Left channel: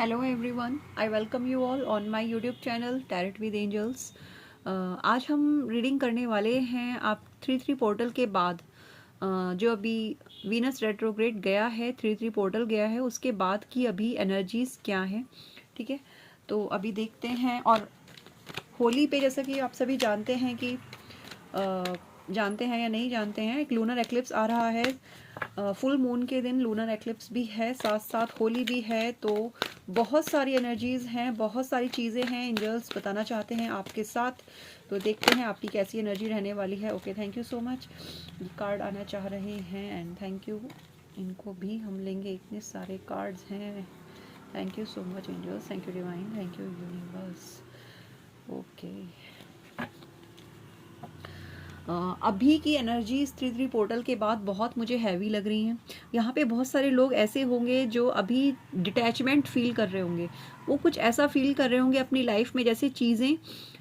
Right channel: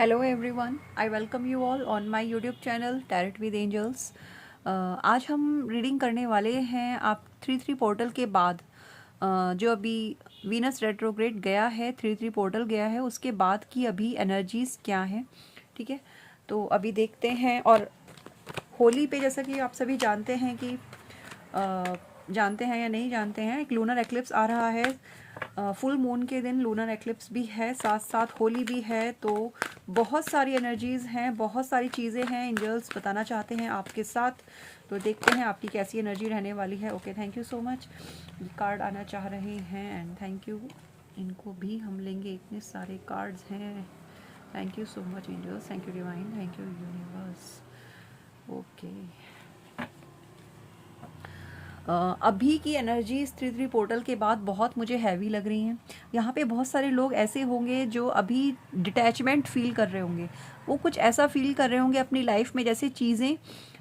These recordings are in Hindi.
Hello everyone, I welcome you all on my YouTube channel tarot with angels. आज हम रीडिंग करने वाले हैं आप 3-3 पोर्टल के बाद जो अभी वीनस रेट्रोग्रेड गया है, 3-3 पोर्टल गया है, उसके बाद की अभी एनर्जीज क्या हैं। ठीक है, तो अभी देखते हैं। और होली पे जैसा कि आप सभी जानते हैं कि जानते हैं या नहीं जानते हैं, एक लूनर एक्लिप्स आ रहा है। फुल मून के दिन लूनर एक्लिप्स भी है, साथ साथ होली भी है। तो बहुत सारी एनर्जीज हैं, बहुत सारी चीज़ें हैं, एंजल्स बताना चाहते हैं आपके साथ। तो देखते हैं आपकी कैसी एनर्जी रहने वाली है। Okay, thank you so much. Card आना चाह रहे हैं एंड थैंक यू। इनको भी हम लेंगे, इतने सारे कार्ड्स हैं। Thank you so much angels, thank you divine, thank you universe. Okay, अभी की एनर्जीज 3-3 पोर्टल के बाद बहुत मुझे हैवी लग रही हैं। यहाँ पे बहुत सारे लोग ऐसे होंगे जो अभी डिटैचमेंट फील कर रहे होंगे। वो कुछ ऐसा फील कर रहे होंगे अपनी लाइफ में जैसे चीज़ें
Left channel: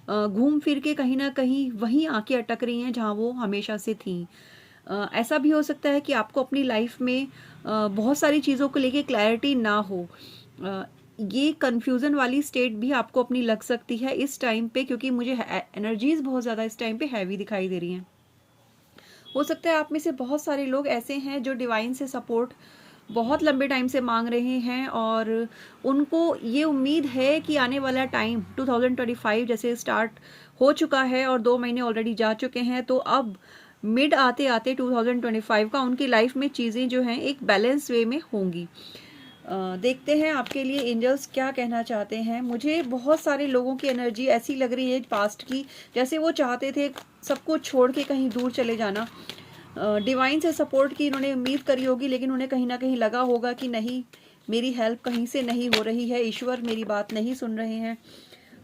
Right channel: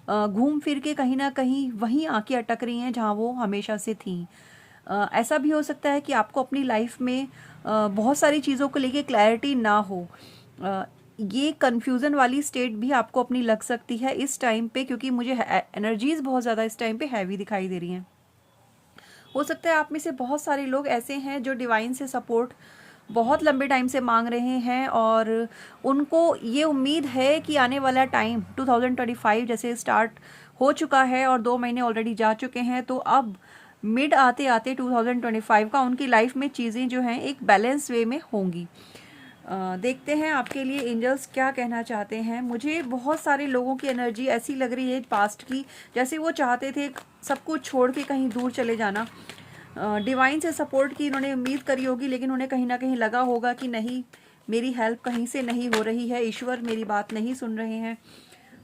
घूम फिर के कहीं ना कहीं वहीं आके अटक रही हैं जहाँ वो हमेशा से थी। ऐसा भी हो सकता है कि आपको अपनी लाइफ में बहुत सारी चीज़ों को लेके क्लैरिटी ना हो। ये कंफ्यूजन वाली स्टेट भी आपको अपनी लग सकती है इस टाइम पे, क्योंकि मुझे एनर्जीज बहुत ज़्यादा इस टाइम पे हैवी दिखाई दे रही हैं। हो सकता है आप में से बहुत सारे लोग ऐसे हैं जो डिवाइन से सपोर्ट बहुत लंबे टाइम से मांग रहे हैं और उनको ये उम्मीद है कि आने वाला टाइम 2025 जैसे स्टार्ट हो चुका है और 2 महीने ऑलरेडी जा चुके हैं, तो अब मिड आते आते 2025 का उनकी लाइफ में चीज़ें जो हैं एक बैलेंस वे में होंगी। देखते हैं आपके लिए एंजल्स क्या कहना चाहते हैं। मुझे बहुत सारे लोगों की एनर्जी ऐसी लग रही है पास्ट की, जैसे वो चाहते थे सब कुछ छोड़ के कहीं दूर चले जाना। डिवाइन से सपोर्ट की इन्होंने उम्मीद करी होगी, लेकिन उन्हें कहीं ना कहीं लगा होगा कि नहीं, मेरी हेल्प कहीं से नहीं हो रही है, ईश्वर मेरी बात नहीं सुन रहे हैं।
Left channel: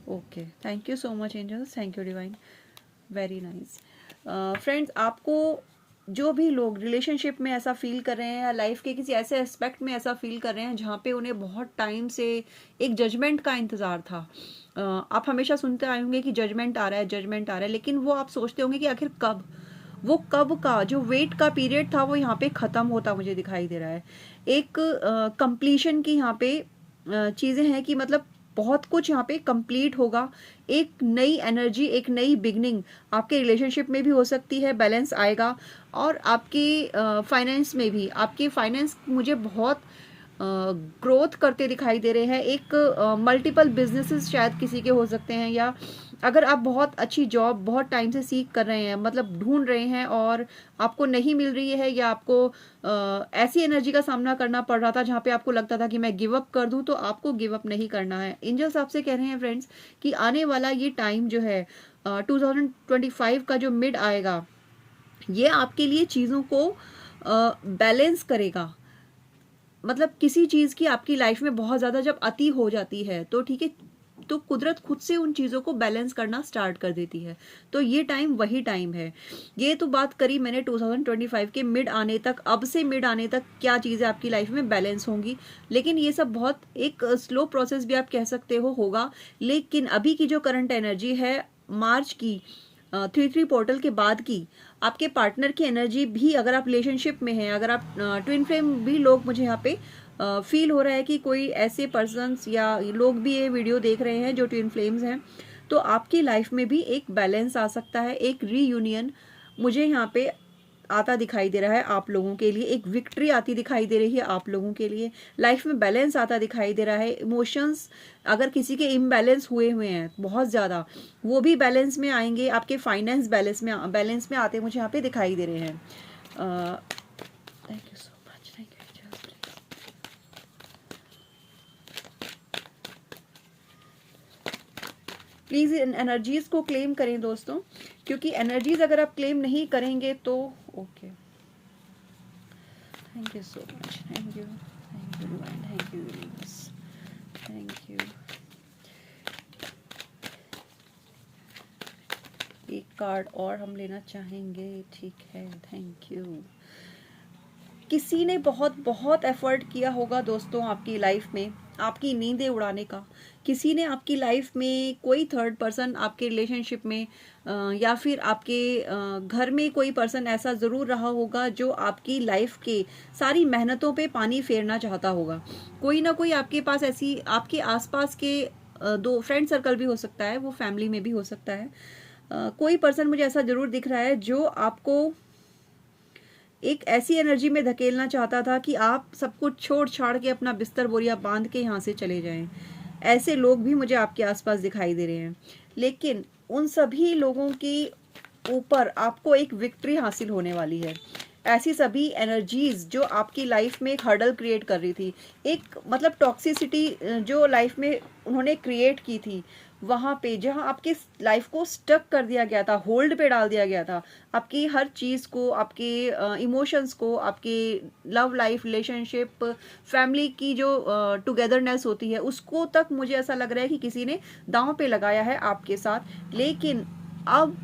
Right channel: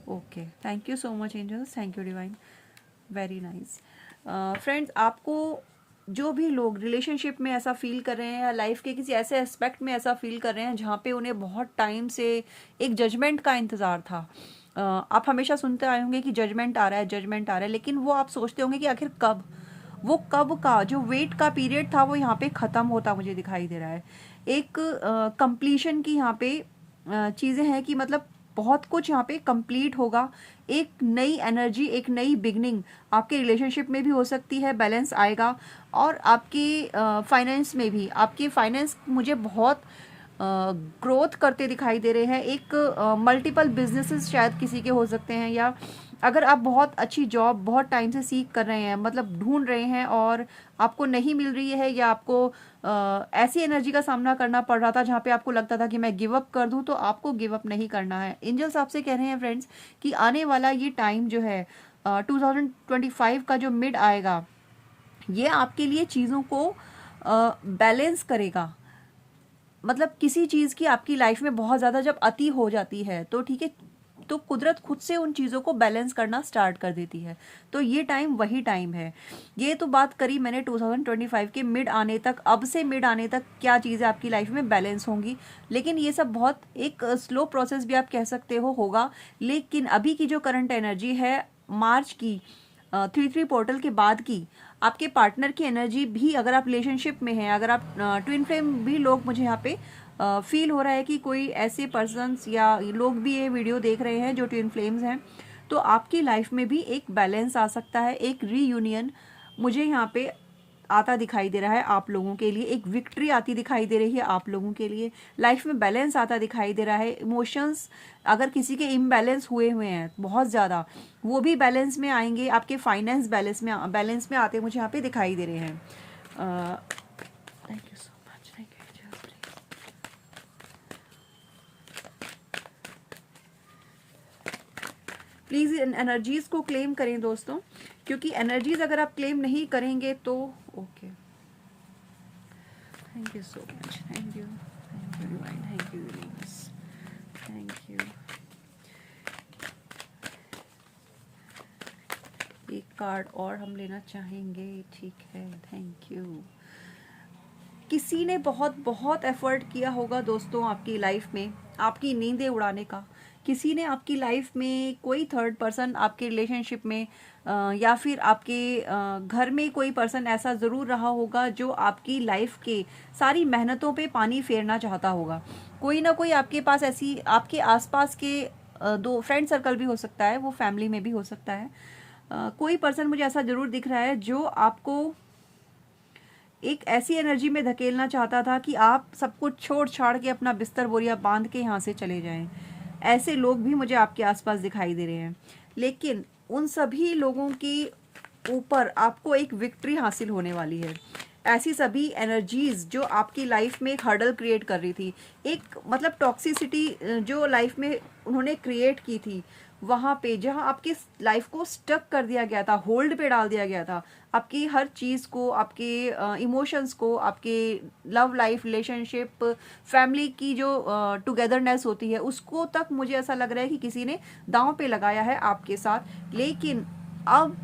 Okay, thank you so much angels, thank you divine, very nice. Friends, आपको जो भी लोग रिलेशनशिप में ऐसा फील कर रहे हैं या लाइफ के किसी ऐसे एस्पेक्ट में ऐसा फील कर रहे हैं जहाँ पे उन्हें बहुत टाइम से एक जजमेंट का इंतज़ार था। आप हमेशा सुनते आए होंगे कि जजमेंट आ रहा है, जजमेंट आ रहा है, लेकिन वो आप सोचते होंगे कि आखिर कब, वो कब का जो वेट का पीरियड था वो यहाँ पे ख़त्म होता मुझे दिखाई दे रहा है। एक कंप्लीशन की यहाँ पे चीज़ें हैं कि मतलब बहुत कुछ यहाँ पे कंप्लीट होगा। एक नई एनर्जी, एक नई बिगनिंग आपके रिलेशनशिप में भी हो सकती है, बैलेंस आएगा। और आपकी फाइनेंस में भी, आपकी फाइनेंस मुझे बहुत ग्रोथ करते दिखाई दे रहे हैं। एक मल्टीपल बिजनेसेस शायद किसी के हो सकते हैं, या अगर आप बहुत अच्छी जॉब बहुत टाइम से सीख कर रहे हैं, मतलब ढूंढ रहे हैं और आपको नहीं मिल रही है, या आपको ऐसी एनर्जी का सामना करना पड़ रहा था जहाँ पे आपको लगता था कि मैं गिव अप कर दूं, तो आपको गिव अप नहीं करना है। एंजल्स आपसे कह रहे हैं फ्रेंड्स कि आने वाला ये टाइम जो है 2025 का जो मिड आएगा, ये आपके लिए चीज़ों को बैलेंस करेगा। मतलब किसी चीज़ की आपकी लाइफ में बहुत ज़्यादा जब अति हो जाती है तो ठीक है, तो कुदरत खुद से उन चीज़ों को बैलेंस करना स्टार्ट कर देती है। तो ये टाइम वही टाइम है। ये तो बात करी मैंने 2025 के मिड आने तक, अब से मिड आने तक क्या चीज़ें आपकी लाइफ में बैलेंस होंगी, लेकिन ये सब बहुत एक स्लो प्रोसेस भी आप कह सकते हो होगा। लेकिन अभी की जो करंट एनर्जी है मार्च की 3-3 पोर्टल के बाद की, आपके पार्टनर की एनर्जी भी, अगर आप रिलेशनशिप में हैं, अगर आप ट्विन फ्लेम भी लोग, मुझे यहाँ पे फील हो रहा है कि कोई ऐसे पर्सन्स या लोग भी ये वीडियो देख रहे हैं जो ट्विन फ्लेम्स हैं, तो आपकी लाइफ में भी एक बैलेंस आ सकता है, एक रीयूनियन मुझे यहाँ पे आता दिखाई दे रहा है आप लोगों के लिए। एक विक्ट्री आती दिखाई दे रही है आप लोगों के लिए, लाइफ में बैलेंस आता दिखाई दे रहा है। इमोशंस अगर किसी के इम्बैलेंस हुए हुए हैं बहुत ज़्यादा, वो भी बैलेंस में आएंगे। आपके फाइनेंस बैलेंस में आते मुझे यहाँ पे दिखाई दे रहे हैं। Thank you so much, thank you. Please in energies को क्लेम करें दोस्तों, क्योंकि एनर्जीज अगर आप क्लेम नहीं करेंगे तो okay. Thank you so much, thank you, thank you, thank you. एक कार्ड और हम लेना चाहेंगे, ठीक है, थैंक यू। किसी ने बहुत बहुत एफर्ट किया होगा दोस्तों आपकी लाइफ में आपकी नींदें उड़ाने का। किसी ने आपकी लाइफ में, कोई थर्ड पर्सन आपके रिलेशनशिप में या फिर आपके घर में कोई पर्सन ऐसा ज़रूर रहा होगा जो आपकी लाइफ के सारी मेहनतों पे पानी फेरना चाहता होगा। कोई ना कोई आपके पास ऐसी, आपके आसपास के दो फ्रेंड सर्कल भी हो सकता है, वो फैमिली में भी हो सकता है। कोई पर्सन मुझे ऐसा ज़रूर दिख रहा है जो आपको एक ऐसी एनर्जी में धकेलना चाहता था कि आप सब कुछ छोड़ छाड़ के अपना बिस्तर बोरिया बांध के यहाँ से चले जाएं। ऐसे लोग भी मुझे आपके आसपास दिखाई दे रहे हैं, लेकिन उन सभी लोगों के ऊपर आपको एक विक्ट्री हासिल होने वाली है। ऐसी सभी एनर्जीज जो आपकी लाइफ में एक हर्डल क्रिएट कर रही थी, एक मतलब टॉक्सिसिटी जो लाइफ में उन्होंने क्रिएट की थी, वहाँ पे जहाँ आपके लाइफ को स्टक कर दिया गया था, होल्ड पे डाल दिया गया था, आपकी हर चीज़ को, आपके इमोशंस को, आपके लव लाइफ, रिलेशनशिप, फैमिली की जो टुगेदरनेस होती है, उसको तक मुझे ऐसा लग रहा है कि किसी ने दांव पे लगाया है आपके साथ। लेकिन अब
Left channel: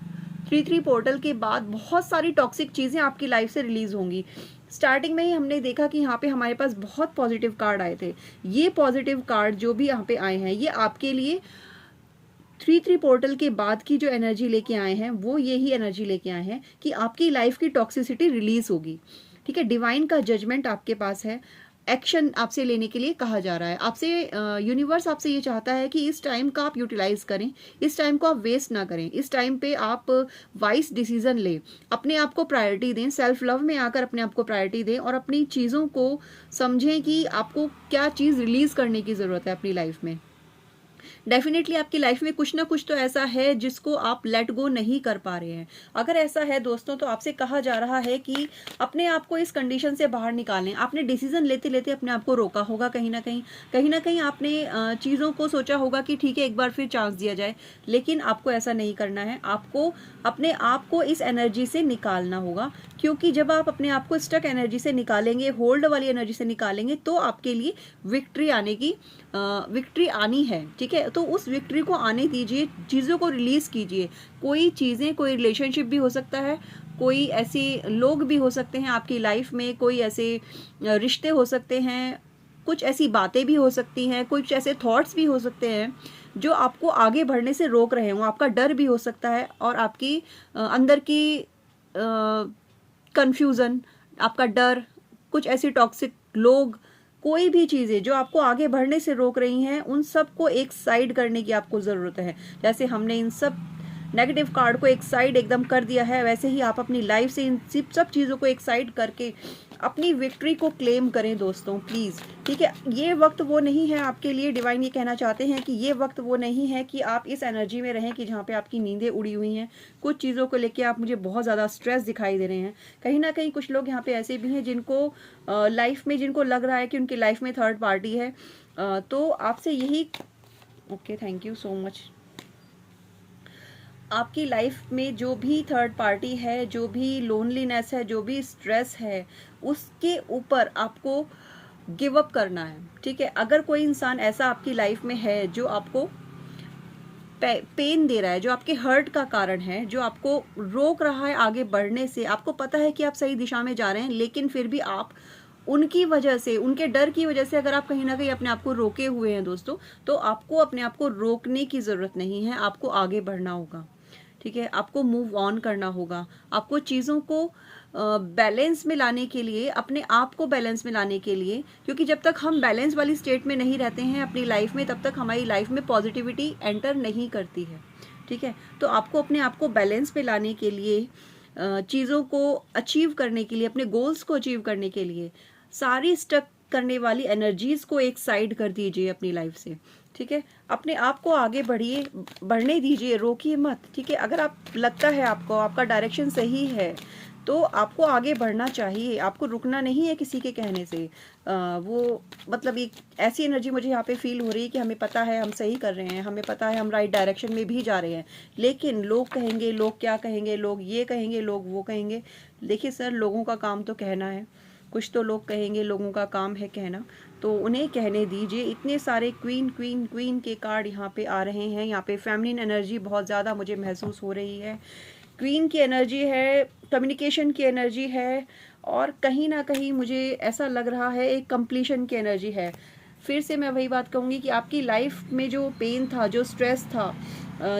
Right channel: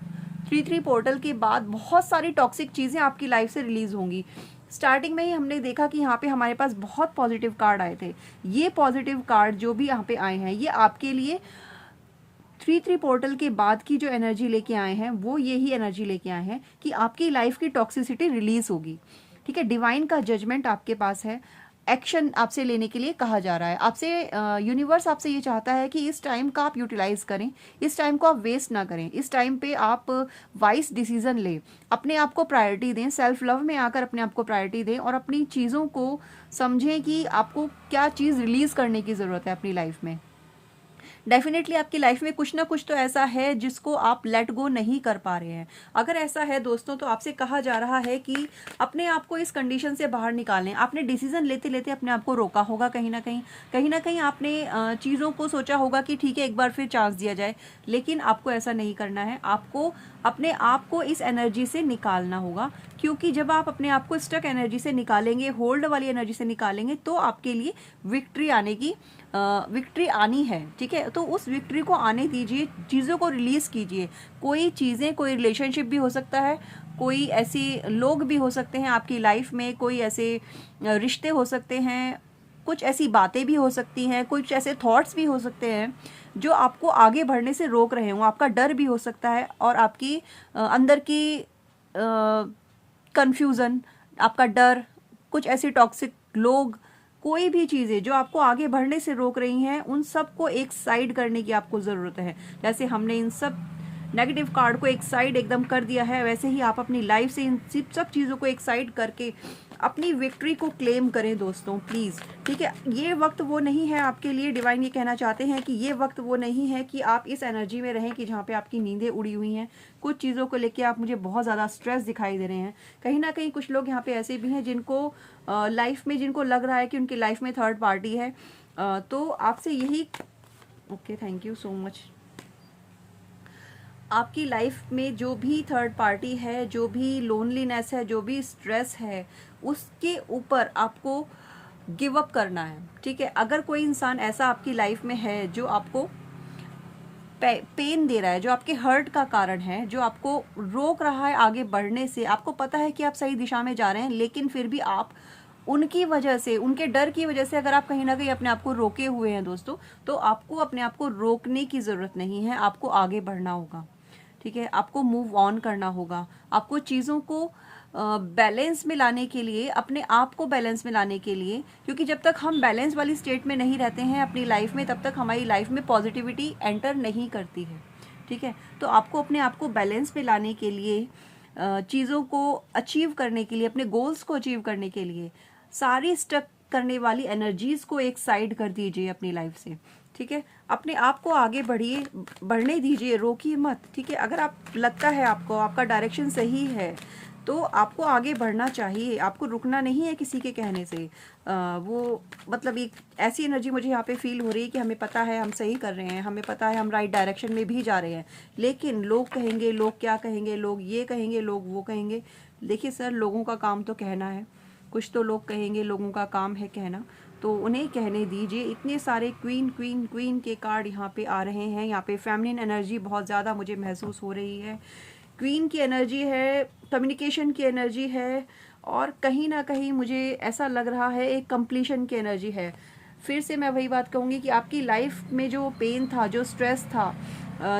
3-3 पोर्टल के बाद बहुत सारी टॉक्सिक चीज़ें आपकी लाइफ से रिलीज होंगी। स्टार्टिंग में ही हमने देखा कि यहाँ पे हमारे पास बहुत पॉजिटिव कार्ड आए थे। ये पॉजिटिव कार्ड जो भी यहाँ पे आए हैं, ये आपके लिए 3-3 पोर्टल के बाद की जो एनर्जी लेके आए हैं, वो यही एनर्जी लेके आए हैं कि आपकी लाइफ की टॉक्सिसिटी रिलीज होगी। ठीक है, डिवाइन का जजमेंट आपके पास है, एक्शन आपसे लेने के लिए कहा जा रहा है। आपसे यूनिवर्स आपसे ये चाहता है कि इस टाइम का आप यूटिलाइज करें, इस टाइम को आप वेस्ट ना करें, इस टाइम पे आप वाइज डिसीजन लें, अपने आप को प्रायोरिटी दें, सेल्फ लव में आकर अपने आप को प्रायोरिटी दें और अपनी चीज़ों को समझें कि आपको क्या चीज़ रिलीज करने की ज़रूरत है अपनी लाइफ में। डेफिनेटली आपकी लाइफ में कुछ ना कुछ तो ऐसा है जिसको आप लेट गो नहीं कर पा रहे हैं। अगर ऐसा है दोस्तों, तो आपसे कहा जा रहा है कि अपने आप को इस कंडीशन से बाहर निकालें। आपने डिसीजन लेते लेते अपने आप को रोका होगा, कहीं ना कहीं आपने चीज़ों को सोचा होगा कि ठीक है एक बार फिर चांस दिया जाए, लेकिन आपको ऐसा नहीं करना है। आपको अपने आप को इस एनर्जी से निकालना होगा, क्योंकि जब आप अपने आप को स्टक एनर्जी से निकालेंगे, होल्ड वाली एनर्जी से निकालेंगे, तो आपके लिए विक्ट्री आनी है। ठीक है, तो उस विक्ट्री को आने दीजिए, चीज़ों को रिलीज कीजिए। कोई चीज़ें, कोई रिलेशनशिप भी हो सकता है, कोई ऐसे लोग भी हो सकते हैं आपकी लाइफ में, कोई ऐसे रिश्ते हो सकते हैं, कुछ ऐसी बातें भी हो सकती हैं, कुछ ऐसे थॉट्स भी हो सकते हैं जो आपको आगे बढ़ने से रोक रहे हों। आपका डर भी हो सकता है और आपकी अंदर की कंफ्यूजन, आपका डर, कुछ ऐसी टॉक्सिक लोग, कोई भी चीज़ें जो आपको आगे बढ़ने से रोक रही हैं, उन सब को एक साइड करने की आपको ज़रूरत है। जैसे हमने इन सब नेगेटिव कार्ड को एक साइड एकदम कर दिया है, वैसे ही आप अपनी लाइफ से इन सब चीज़ों को एक साइड करके अपनी विक्ट्री को क्लेम करें दोस्तों, प्लीज़। ठीक है, ये वक्त वो नहीं है आपके लिए, डिवाइन ये कहना चाहते हैं कि ये वक्त वो नहीं है कि आप इस एनर्जी में रहें कि जहाँ पे आपकी नींदें उड़ी हुई हैं। कुछ चीज़ों को लेके आप मुझे बहुत ज़्यादा स्ट्रेस दिखाई दे रहे हैं। कहीं ना कहीं कुछ लोग यहाँ पे ऐसे भी हैं जिनको लाइफ में, जिनको लग रहा है कि उनकी लाइफ में थर्ड पार्टी है। तो आपसे यही, okay, thank you so much. आपकी लाइफ में जो भी थर्ड पार्टी है, जो भी लोनलीनेस है, जो भी स्ट्रेस है, उसके ऊपर आपको गिव अप करना है। ठीक है, अगर कोई इंसान ऐसा आपकी लाइफ में है जो आपको पेन दे रहा है, जो आपके हर्ट का कारण है, जो आपको रोक रहा है आगे बढ़ने से, आपको पता है कि आप सही दिशा में जा रहे हैं, लेकिन फिर भी आप उनकी वजह से, उनके डर की वजह से अगर आप कहीं ना कहीं अपने आप को रोके हुए हैं दोस्तों, तो आपको अपने आप को रोकने की जरूरत नहीं है, आपको आगे बढ़ना होगा। ठीक है, आपको मूव ऑन करना होगा। आपको चीज़ों को बैलेंस में लाने के लिए, अपने आप को बैलेंस में लाने के लिए, क्योंकि जब तक हम बैलेंस वाली स्टेट में नहीं रहते हैं अपनी लाइफ में, तब तक हमारी लाइफ में पॉजिटिविटी एंटर नहीं करती है। ठीक है, तो आपको अपने आप को बैलेंस में लाने के लिए, चीज़ों को अचीव करने के लिए, अपने गोल्स को अचीव करने के लिए, सारी स्टक करने वाली एनर्जीज को एक साइड कर दीजिए अपनी लाइफ से। ठीक है, अपने आप को आगे बढ़ने दीजिए, रोकिए मत। ठीक है, अगर आप लगता है आपको आपका डायरेक्शन सही है, तो आपको आगे बढ़ना चाहिए, आपको रुकना नहीं है किसी के कहने से। वो मतलब एक ऐसी एनर्जी मुझे यहाँ पे फील हो रही है कि हमें पता है हम सही कर रहे हैं, हमें पता है हम राइट डायरेक्शन में भी जा रहे हैं, लेकिन लोग कहेंगे, लोग क्या कहेंगे, लोग ये कहेंगे, लोग वो कहेंगे। देखिए सर, लोगों का काम तो कहना है, कुछ तो लोग कहेंगे, लोगों का काम है कहना, तो उन्हें कहने दीजिए। इतने सारे क्वीन क्वीन क्वीन के कार्ड यहाँ पे आ रहे हैं। यहाँ पे फेमिनिन एनर्जी बहुत ज़्यादा मुझे महसूस हो रही है, क्वीन की एनर्जी है, कम्युनिकेशन की एनर्जी है, और कहीं ना कहीं मुझे ऐसा लग रहा है एक कंप्लीशन की एनर्जी है। फिर से मैं वही बात कहूँगी कि आपकी लाइफ में जो पेन था, जो स्ट्रेस था,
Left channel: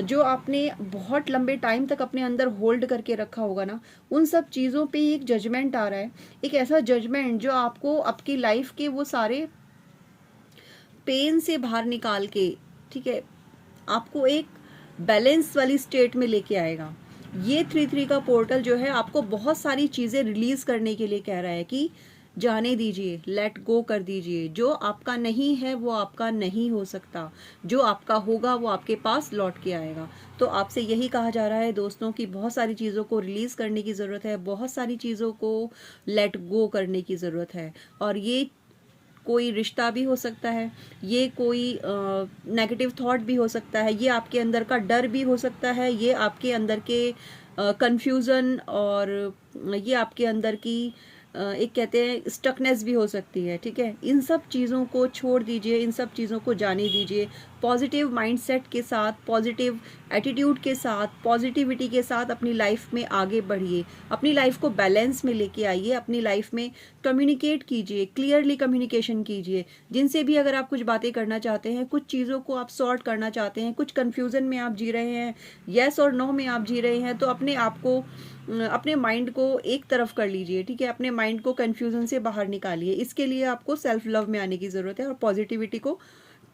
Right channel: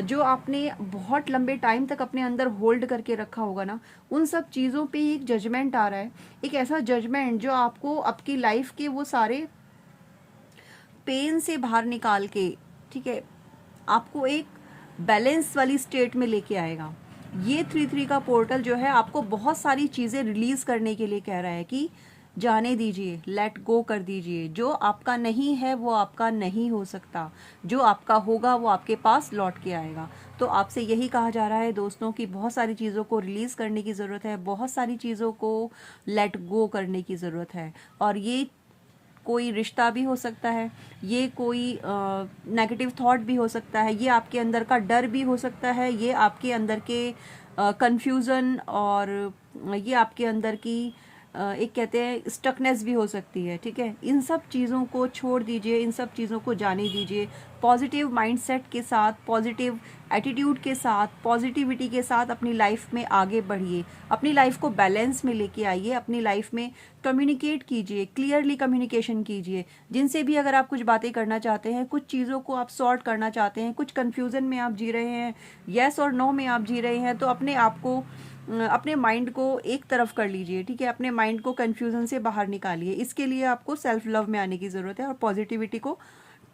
जो आपने बहुत लंबे टाइम तक अपने अंदर होल्ड करके रखा होगा ना, उन सब चीज़ों पे एक जजमेंट आ रहा है, एक ऐसा जजमेंट जो आपको आपकी लाइफ के वो सारे पेन से बाहर निकाल के, ठीक है, आपको एक बैलेंस वाली स्टेट में लेके आएगा। ये 3-3 का पोर्टल जो है आपको बहुत सारी चीज़ें रिलीज करने के लिए कह रहा है कि जाने दीजिए, लेट गो कर दीजिए। जो आपका नहीं है वो आपका नहीं हो सकता, जो आपका होगा वो आपके पास लौट के आएगा। तो आपसे यही कहा जा रहा है दोस्तों कि बहुत सारी चीज़ों को रिलीज करने की ज़रूरत है, बहुत सारी चीज़ों को लेट गो करने की ज़रूरत है। और ये कोई रिश्ता भी हो सकता है, ये कोई नेगेटिव थॉट भी हो सकता है, ये आपके अंदर का डर भी हो सकता है, ये आपके अंदर के कंफ्यूजन और ये आपके अंदर की एक कहते हैं स्टकनेस भी हो सकती है। ठीक है, इन सब चीज़ों को छोड़ दीजिए, इन सब चीज़ों को जाने दीजिए। पॉजिटिव माइंडसेट के साथ, पॉजिटिव एटीट्यूड के साथ, पॉजिटिविटी के साथ अपनी लाइफ में आगे बढ़िए, अपनी लाइफ को बैलेंस में लेके आइए, अपनी लाइफ में कम्युनिकेट कीजिए, क्लियरली कम्युनिकेशन कीजिए। जिनसे भी अगर आप कुछ बातें करना चाहते हैं, कुछ चीज़ों को आप सॉर्ट करना चाहते हैं, कुछ कन्फ्यूज़न में आप जी रहे हैं, येस और नो में आप जी रहे हैं, तो अपने आप को, अपने माइंड को एक तरफ कर लीजिए। ठीक है, अपने माइंड को कन्फ्यूज़न से बाहर निकालिए। इसके लिए आपको सेल्फ लव में आने की ज़रूरत है और पॉजिटिविटी को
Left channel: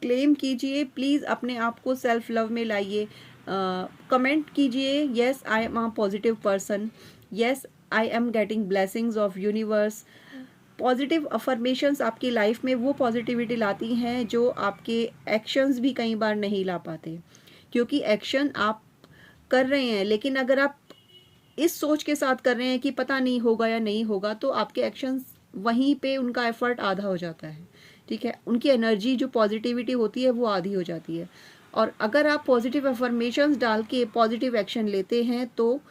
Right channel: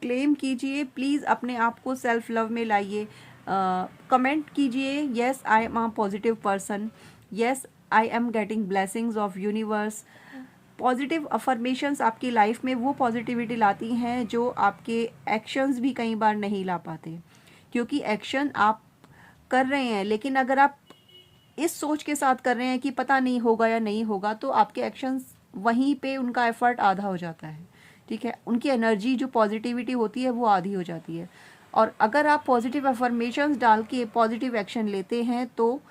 क्लेम कीजिए। प्लीज़ अपने आप को सेल्फ लव में लाइए। कमेंट कीजिए, yes I am a positive person, yes I am getting blessings of universe. Positive affirmations आपकी लाइफ में वो पॉजिटिविटी लाती हैं जो आपके एक्शंस भी कई बार नहीं ला पाते, क्योंकि एक्शन आप कर रहे हैं, लेकिन अगर आप इस सोच के साथ कर रहे हैं कि पता नहीं होगा या नहीं होगा, तो आपके एक्शंस वहीं पे उनका एफर्ट आधा हो जाता है। ठीक है, उनकी एनर्जी जो पॉजिटिविटी होती है वो आधी हो जाती है। और अगर आप पॉजिटिव अफर्मेशंस डाल के पॉजिटिव एक्शन लेते हैं तो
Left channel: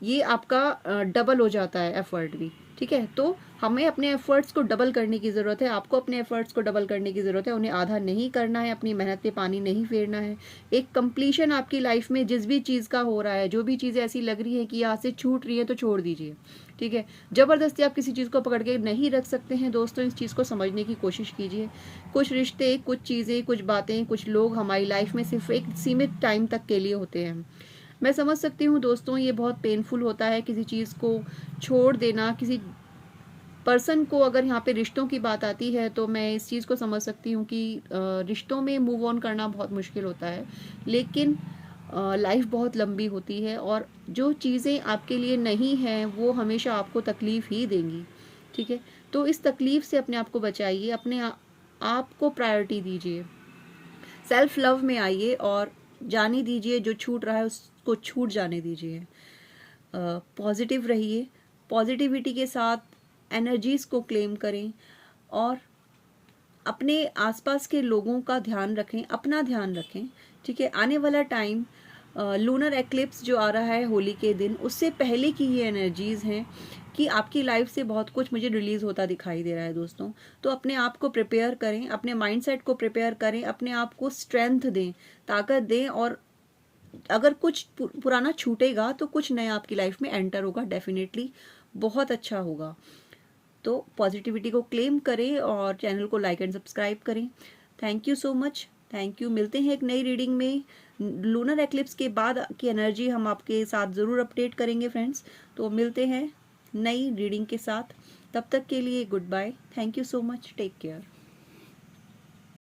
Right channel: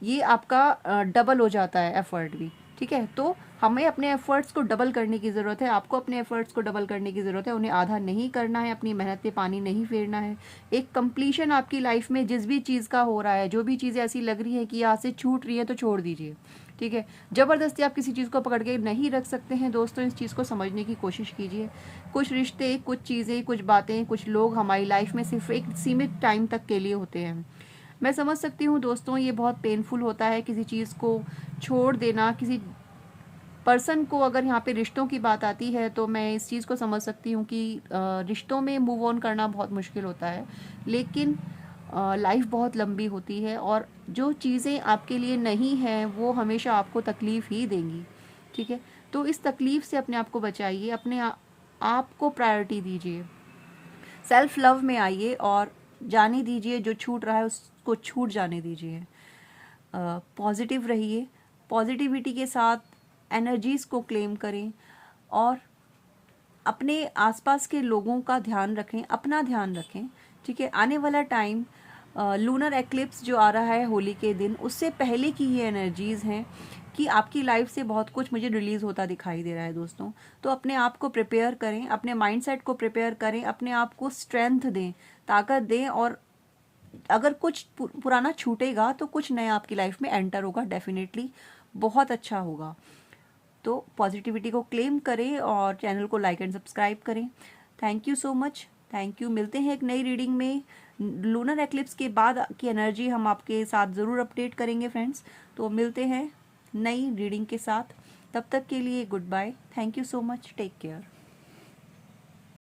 ये आपका डबल हो जाता है एफर्ट भी। ठीक है, तो हमें अपने एफर्ट्स को डबल करने की ज़रूरत है, आपको अपने एफर्ट्स को डबल करने की ज़रूरत है, उन्हें आधा नहीं करना है, अपनी मेहनत पे पानी नहीं फेरना है। एक कंप्लीशन आपकी लाइफ में जिस भी चीज़ का हो रहा है, जो भी चीज़ें ऐसी लग रही है कि यहाँ से छूट रही है, तो छोड़ दीजिए। ठीक है, ज़बरदस्ती आप किसी चीज़ को पकड़ के नहीं रख सकते हैं। दोस्तों, इस चीज़ को समझने की कोशिश कीजिए। कुछ रिश्ते, कुछ चीज़ें, कुछ बातें, कुछ लोग हमारी लाइफ में सिर्फ एक सीमित टाइम तक के लिए होते हैं। मैं समझ सकती हूँ दोस्तों, ये बहुत पेनफुल होता है किसी चीज़ को छोड़ देना, किसी पर्सन को। अगर यहाँ पे रिश्तों की बात आती है तो मैं इस चीज़ को समझ सकती हूँ कि रिश्तों में मूव ऑन करना बहुत मुश्किल होता है, लेकिन लाइफ बहुत लंबी होती है और जो चीज़ें आपके लिए नहीं हैं वो हमेशा आपको तकलीफ़ ही देंगी। ठीक है, तो इस तकलीफ़ से अपने आप को बचाइए, अपने आप को प्रायोरिटी दीजिए, सेल्फ लव में आइए और जाने दीजिए जो छूट रहा है उसको छूट जाने दीजिए। पॉजिटिव रहिए, पॉजिटिविटी के साथ एनर्जीज़ को क्लेम करें और अपने आसपास के लोगों का ध्यान रखें, अपना ध्यान रखें। ठीक है, आने वाला टाइम लूनर एक्लिप्स जो आ रहा है होली के दिन, उससे पहले की ये एनर्जीज़ हैं कि आपकी लाइफ से बहुत कुछ मुझे रिलीज़ होता दिखाई दे रहा है दोस्तों। तो अपने आप को प्रिपेयर करें, अपने माइंडसेट को प्रिपेयर करें, अपने आप को स्ट्रेंथ दें, ताकत दें, और अगर कुछ पुराना छूटेगा तो कुछ नया आपकी लाइफ में एंटर होगा, डेफिनेटली बहुत अच्छा होगा। तो पॉजिटिविटी को क्लेम करें और चैनल को लाइक एंड सब्सक्राइब करें। Thank you so much, thank you. मिलते हैं एक नई रीडिंग में। लूनर एक्लिप्स के बाद की एनर्जी हम आपके साथ ज़रूर अपडेट करेंगे फ्रेंड्स। तो मिलते हैं नई रीडिंग के साथ, तब तक के लिए goodbye. Thank you so much, take care.